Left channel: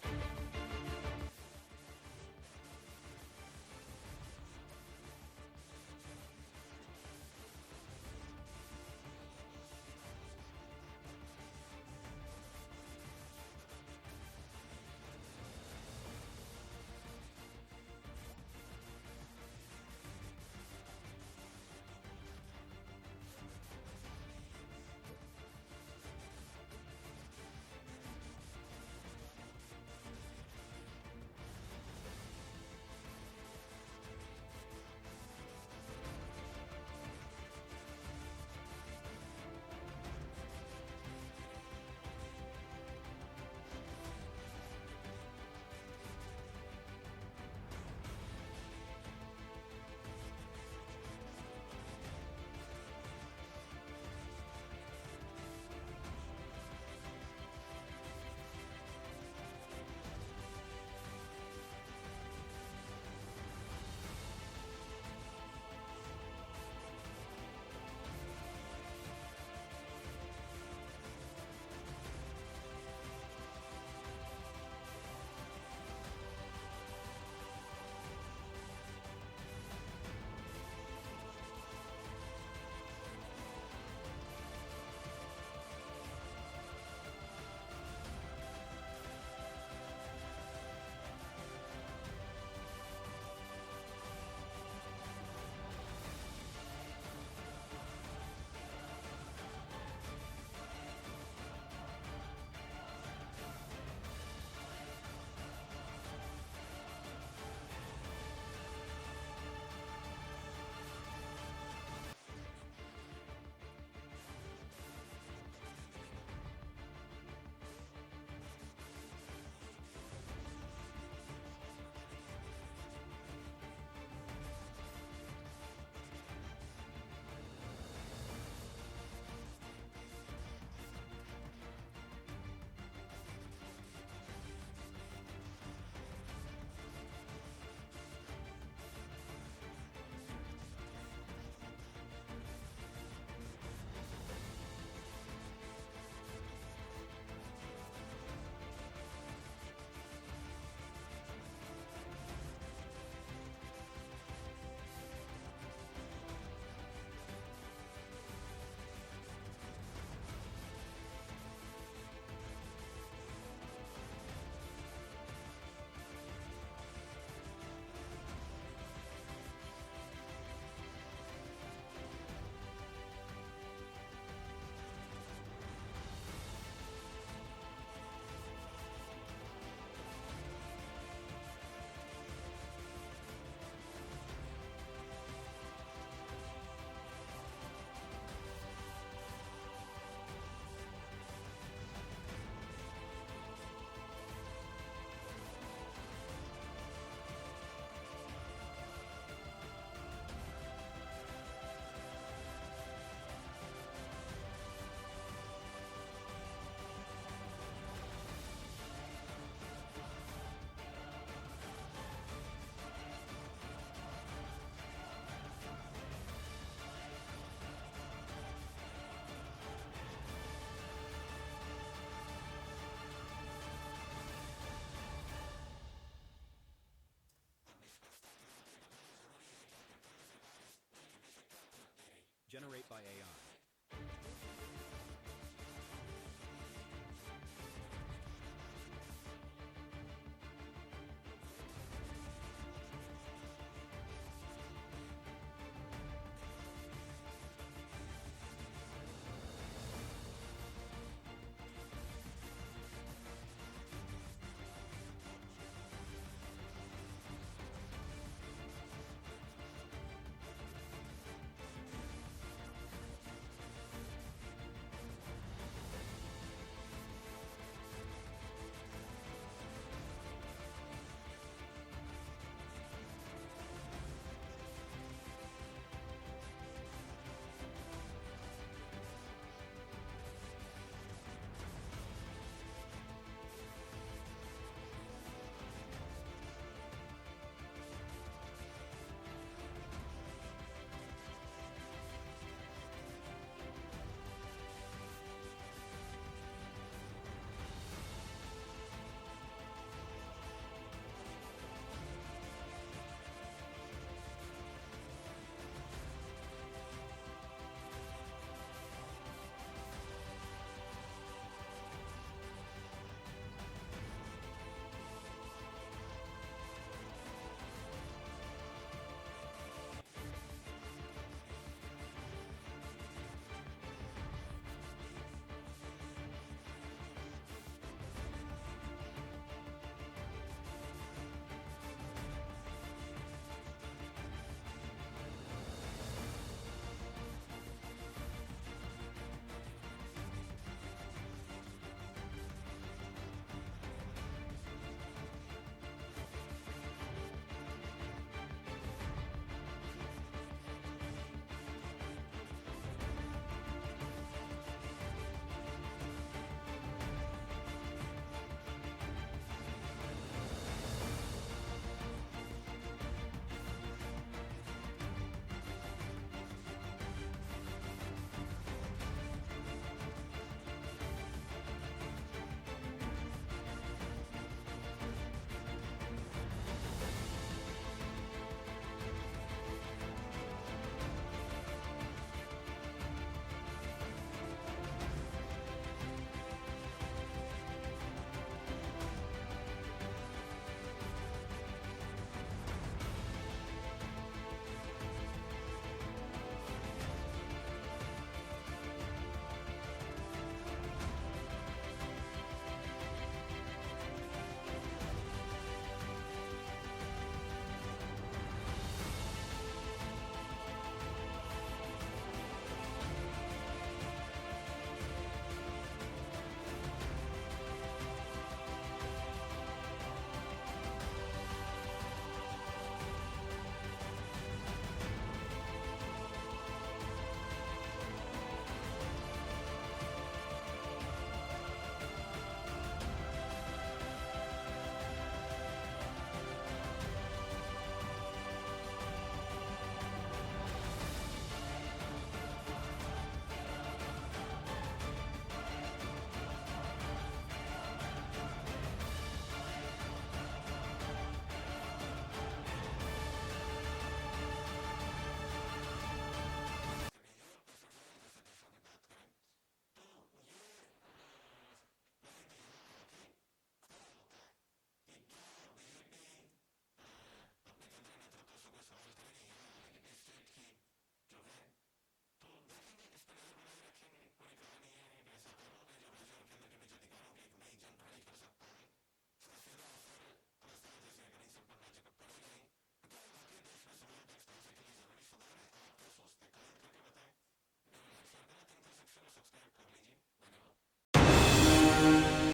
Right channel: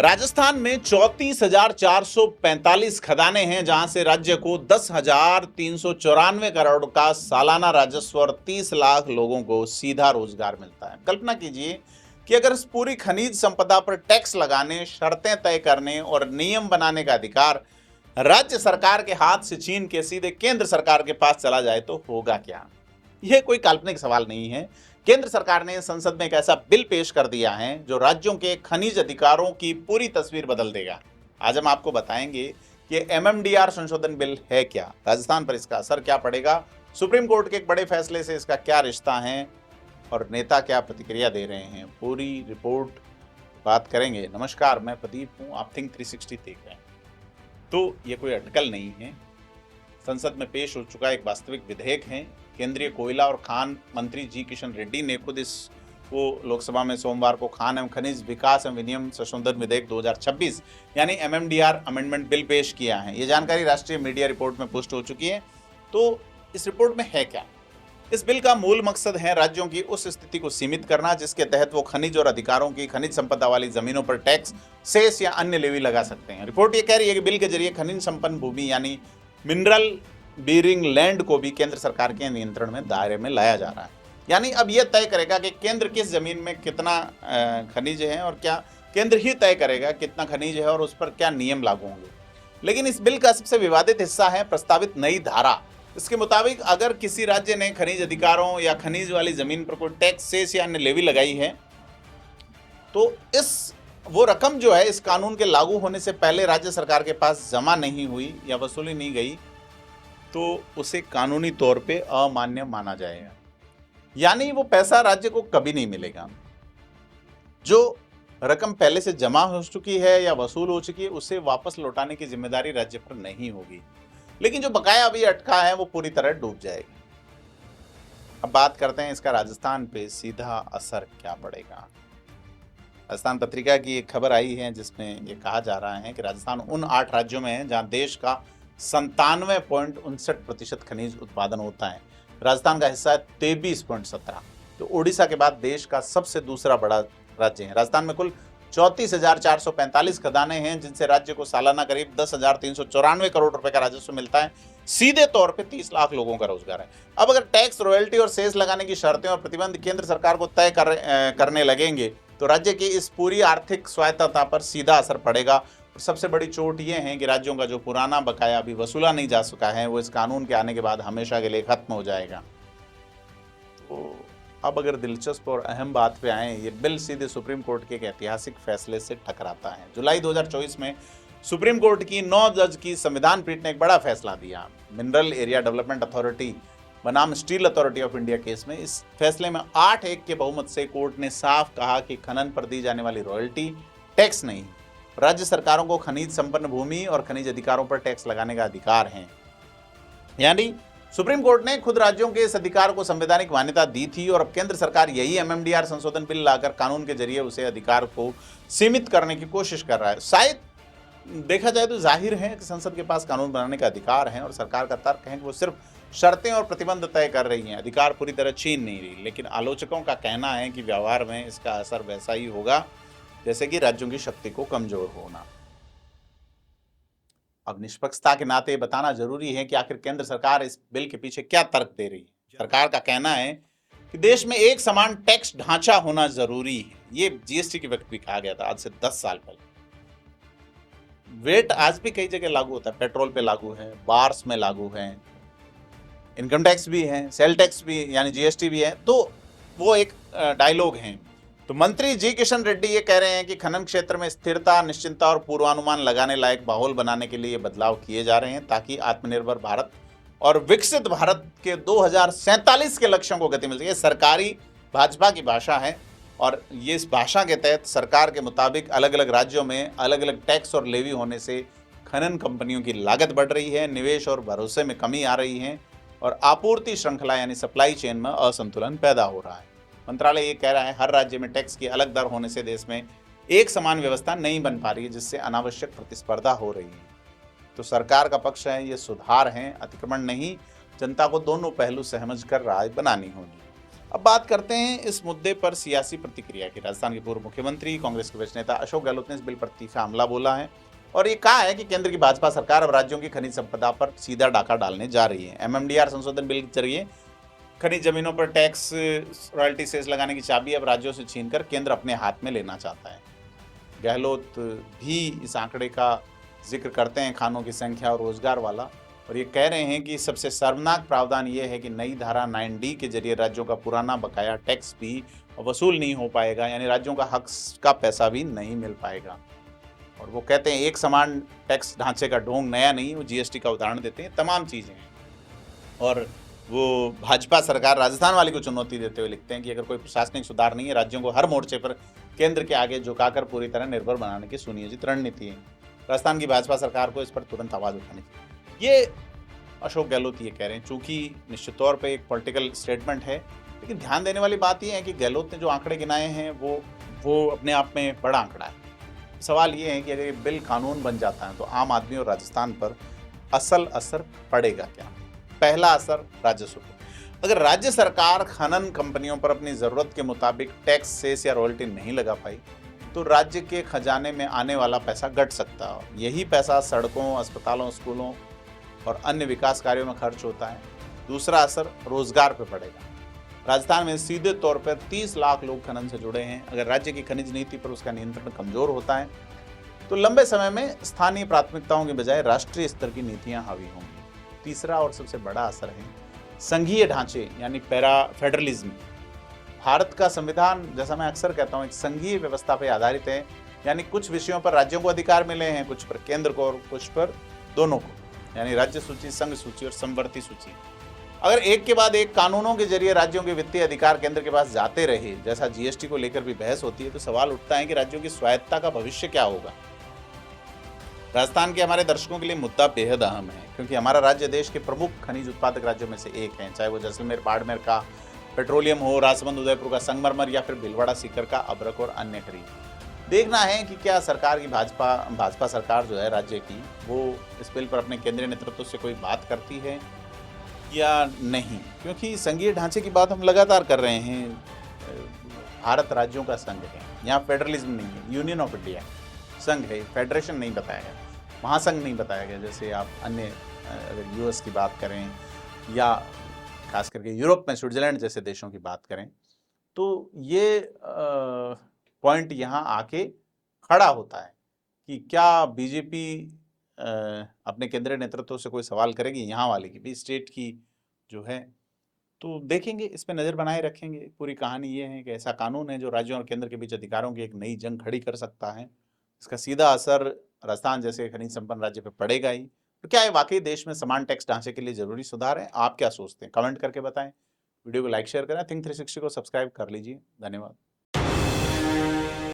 राजस्थान में 34,445 खदानें हैं, जहां से राज्य को 10,394 करोड़ का सालाना राजस्व और 30 लाख लोगों को सीधा रोजगार मिलता है। कल्पना कीजिए कि अगर इस पूरी खनिज संपदा पर टैक्स लगाने, शर्तें तय करने और नियम बनाने का अधिकार राज्य सरकार के हाथ से छीन के सीधे केंद्र सरकार के पास चला जाए तो होगा क्या? यह कोई काल्पनिक सवाल नहीं है। केंद्र सरकार ने संसद में एक ऐसा बिल पेश कर दिया है जो राज्यों के खनिज अधिकारों की पूरी तस्वीर बदल देगा। आज हम आपको बताएंगे कि एमएमडीआर संशोधन बिल है क्या, राजस्थान पर इसका असर क्या पड़ेगा, सुप्रीम कोर्ट के एक बड़े फैसले से इसका क्या रिश्ता है और नेता क्या प्रतिक्रिया दे रहे हैं। पूरी रिपोर्ट बात करेंगे। नमस्कार, मैं प्रदीप हूँ, आप थिंक 360 देख रहे हैं। तो ये कोई अटकल नहीं है, संसद में पेश हो चुका एक वास्तविक विधेयक है। केंद्रीय कोयला और खान मंत्री जी किशन रेड्डी ने खुद इसको लोकसभा में सोमवार को खान एवं खनिज विकास एवं विनियम संशोधन विधेयक 2026 यानी एमएमडीआर अमेंडमेंट बिल पेश किया है। ये जानकारी राष्ट्रीय मीडिया रिपोर्ट में पोस्ट हो चुकी है। तो इस रिपोर्ट में है क्या? इस बिल का मूल मकसद है राज्यों की उस स्थिति को सीमित करना जिसके तहत वो खनिज और अधिकारों की खनिज संपदा वाली जमीनों पर टैक्स, सेस या अन्य लेवी लगा सकते हैं। रिपोर्ट ये कह रही है कि बिल के जरिए खनिज संपन्न भूमि यानी मिनरल बीरिंग लैंड को भी केंद्र सरकार के नियंत्रण में दायरे में लाया जा रहा है। यानी अब यह तय करेगा कि केंद्र किस जमीन में कितना खनिज है और क्या केंद्र ही तय करेगा कितना खनिज है और उस पर क्या नियम लागू होंगे। लेकिन इस बिल का सबसे विवादित हिस्सा है प्रस्तावित नई धारा। इसके मुताबिक अगर किसी राज्य ने खनिज अधिकारों या खनिज वाली जमीन पर कोई टैक्स, सेस या अन्य लेवी लगाई है तो वो रकम जो है इस कानून के लागू होने से पहले राज्य सरकार के पास जमा नहीं हुई या वसूली नहीं गई तो उसे कानूनी तौर पे अमान्य माना जाएगा। यानी वो पैसा राज्य को कभी नहीं मिलेगा। जो रकम पहले से जमा हो चुकी है या वसूल हो चुकी है उसे वापस लौटाने की जिम्मेदारी राज्य पर नहीं होगी, लेकिन जो बकाया अभी अटका है वो पूरी तरह डूब जाएगी। अब बात करते हैं इसका राजस्थान पे सीधा असर क्या पड़ेगा। राजस्थान पत्रिका की एक खबर आई है जिसमें ये कहा जा रहा है कि राजस्थान उन 8 राज्यों में है जहां देश का 97.59% खनिज उत्पादन होता है। राजस्थान का हिस्सा है 23.17, तो उड़ीसा के बाद देश का सबसे दूसरा बड़ा राज्य है। राजस्थान में कुल 34,445 खदानें हैं जिनसे राज्य को सालाना करीब 10,394 करोड़ रुपए का राजस्व मिलता है। सीधे तौर पे 30 लाख लोगों का रोजगार है। अब अगर टैक्स, रॉयल्टी और सेस लगाने की शर्तें और प्रतिबंध केंद्र सरकार को तय करने लगेंगे तो राज्य की इस पूरी आर्थिक स्वायत्तता पर सीधा असर पड़ेगा। सबसे बड़ी चोट ये है कि राज्यों का जो पुराना बकाया अभी वसूला नहीं जा सका है वो इस कानून के आने के बाद हमेशा के लिए खत्म हो जाएगा। तो अब अगर दिलचस्प और अहम बात पे आए, ये बिल सीधे सुप्रीम कोर्ट के एक ऐतिहासिक फैसले से टकराता है। जुलाई 2024 में सुप्रीम कोर्ट की 9 जज की संविधान पीठ ने एक बड़ा फैसला दिया। मिनरल एरिया डेवलपमेंट अथॉरिटी बनाम steel authority of India case में इस फैसले में 8-1 के बहुमत से कोर्ट ने साफ कहा कि खनन पर दी जाने वाली रॉयल्टी टैक्स नहीं, राज्य सरकारों को खनिज संपन्न भूमि और खनिज अधिकारों पर टैक्स लगाने का अधिकार है। यानी सुप्रीम कोर्ट ने खुद राज्यों के इस अधिकार को संवैधानिक मान्यता दी थी और अब केंद्र सरकार यही एमएमडीआर संशोधन बिल लाकर कानून के जरिए उसे अधिकार को सीमित करने की कोशिश कर रहा है। शायद देखा जाए तो जाहिर है कि संसद के पास कानून बनाने का अधिकार है और सरकार का तर्क है कि वो सिर्फ शर्तें और प्रतिबंध तय कर रही हैं, अधिकार पूरी तरह छीन नहीं रही। लेकिन आलोचकों का कहना है कि व्यवहार में इसका असर वैसा ही होगा जैसे कि राज्यों की शक्ति को कमजोर होना। अब निष्पक्षता के नाते बताना जरूरी है कि आखिर केंद्र सरकार इस बिल के पीछे क्या तर्क दे रही है। सरकार का कहना है कि देश में एक समान टैक्स ढांचा होना जरूरी है। ये जीएसटी के वक्त भी कहा गया था, आज से 10 साल पहले। वेट आज भी कई जगह लागू होता है, पेट्रोल पे लागू है, बार्स में लागू है, इनकम टैक्स भी है, सेल टैक्स भी यानी जीएसटी भी है। तो वो एक डायलॉग है। तो मंत्री जी किशन रेड्डी ये कह रहे हैं कि खनन क्षेत्र में स्थिरता, निश्चिंतता और पूर्वानुमान लगाने लायक माहौल बनाने के लिए बदलाव किए जा रहे हैं ताकि आत्मनिर्भर भारत और विकसित भारत के 2047 के लक्ष्यों को गति मिल सके। ये सरकारी भाजपा की भाषा है और ये इस भाषा के तहत सरकार के मुताबिक अलग अलग राज्यों में अलग अलग टैक्स और लेवी होने से खनन कंपनियों की लागत बढ़ रही है, निवेश और भरोसे में कमी आ रही है और आपूर्ति श्रृंखला यानी सप्लाई चेन में असंतुलन पैदा हो रहा है। मंत्रालय ये कह रहा है हर राज्य में टैक्स की अलग दर होने से देश में एक समान व्यवस्था नहीं बन पा रही है जिससे अनावश्यक प्रतिस्पर्धा हो रही है। तो सरकार का पक्ष है ये सुधार हैं, अतिक्रमण नहीं। जनता को दोनों पहलू समझ कर राय बनानी होगी। अब बात करते हैं इस मुद्दे पर सियासी प्रतिक्रिया की। राजस्थान के पूर्व मुख्यमंत्री कांग्रेस के वरिष्ठ नेता अशोक गहलोत ने इस बिल पर तीखा हमला बोला है और ये कहा है कि केंद्र की भाजपा सरकार अब राज्यों की खनिज संपदा पर सीधा डाका डालने जा रही है। एमएमडीआर संशोधन बिल के जरिए खनिज जमीनों पर टैक्स रॉयल्टी सेस लगाने की चाबी अब राज्यों से छीनकर केंद्र अपने हाथ में लेना चाहता है। गहलोत भी इस आंकड़े का जिक्र करते हैं, खानों की संख्या और रोजगार वाला, और ये कह रहे हैं कि सबसे शर्मनाक प्रावधान ये है कि नई धारा 9D के जरिए राज्यों का पुराना बकाया टैक्स भी वसूल नहीं हो पाएगा, यानी राज्यों का हक का पैसा भी नहीं मिल पाएगा। और वो कहते हैं एक समान टैक्स ढांचे का ढोंग नया नहीं, वो जीएसटी का उदाहरण देते हैं, तमाम चीज़ें। और वो भाजपा सरकार राजस्थान वाली को चुनौती देते हुए लिखते हैं कि अगर कोई प्रशासनिक सुधार नहीं है, राज्यों को हर मोर्चे पर केंद्र के आगे झुकाकर पूरी तरह निर्भर बनाने की सुनियोजित रणनीति है। राजस्थान की भाजपा सरकार को इस पर तुरंत आवाज उठानी चाहिए। ये अशोक गहलोत ये कह रहे हैं, चूंकि निश्चित तौर पे एक पॉलिटिकल स्टेटमेंट है, लेकिन ध्यान देने वाली बात यह है कि गहलोत ने जो आंकड़े गिनाए हैं वो अपने आप में बड़ा आंकड़ा है। सवाल ये है कि अगर ये बिल कानून बन जाता है तो आम आदमी और राजस्थान पर असल असर पड़ेगा क्या। पहला असर राजस्व पर। अगर राज्य सरकार खनन कंपनियों पर अपनी ज़रूरत के मुताबिक टैक्स, सेस या रॉयल्टी नहीं लगा पाई तो राज्य के खजाने में आने वाला पैसा घट सकता है। यही पैसा सड़कों, अस्पतालों, स्कूलों और अन्य विकास कार्यों में खर्च होता है। दूसरा असर रोजगार पर पड़ेगा। राजस्थान में सीधे तौर पर 30 लाख लोग खनन से जुड़े हैं। अगर राज्य की खनिज नीति पर उसका नियंत्रण कमजोर होता है तो लंबे समय में स्थानीय प्राथमिकताओं के बजाय राष्ट्रीय स्तर की नीतियां हावी होंगी। तीसरा और सबसे बड़ा असर है संघीय ढांचे यानी फेडरलिज्म। भारत का संविधान, जैसा मैं अक्सर कहता हूँ, एक संघीय व्यवस्था पर आधारित है, यानी कुछ विषयों पर राज्यों को अधिकार मिले हैं, कुछ पर केंद्र को और कुछ पर दोनों को, यानी राज्य सूची, संघ सूची और समवर्ती सूची। अगर एक के बाद एक कानूनों के जरिए राज्यों के वित्तीय अधिकार केंद्र के पास जाते रहे, जैसा जीएसटी को लेकर भी बहस होती है, तो सवाल उठता है कि राज्यों की स्वायत्ता का भविष्य क्या होगा। राजस्थान के हमारे दर्शकों के लिए मुद्दा बेहद अहम है, क्योंकि हमारा राज्य देश के प्रमुख खनिज उत्पादक राज्यों में से एक है, चाहे वो जैसलमेर, बाड़मेर का पेट्रोलियम हो, राजसमंद, उदयपुर का संगमरमर या फिर भीलवाड़ा सीकर का अभ्रक और अन्य खनिज। देखना है कि क्या सरकार की भाजपा सरकार जो है राज्य की, वो इस बिल पर अपने केंद्रीय नेतृत्व से कोई बात करती है या नहीं, क्योंकि संघीय ढांचे की बात हम लगातार कर रहे हैं। भारत राज्यों का संघ है, यहाँ फेडरलिज्म नहीं है, यूनियन ऑफ इंडिया संघ है, फेडरेशन नहीं बताया गया, महासंघ नहीं बताया गया। जैसे आप अन्य यूएस की बात करें या खास करके यूरोप में स्विट्जरलैंड जैसे देशों की बात करें, तो ये पॉइंट यहाँ आके खड़ा होता है कि क्या बीजेपी अपने केंद्रीय नेतृत्व से कोई सवाल करेगी, यहाँ वाले की भी, स्टेट की जो है। तो देखेंगे, इस पे नज़र बनाए रखेंगे। पूरी कहानी ये है कि ऐसा कानून है जो राज्यों और केंद्र के बीच अधिकारों की एक नई जंग खड़ी कर सकता है। इसका सीधा असर राजस्थान जैसे खनिज संपन्न राज्य पर पड़ेगा ही। तो क्या ये वाकई देश में समान टैक्स ढांचे के लिए जरूरी सुधार है? आप क्या सोचते हैं? कमेंट करके बताएं। वीडियो को लाइक शेयर करें। थिंक 360 को सब्सक्राइब कर लीजिए। धन्यवाद।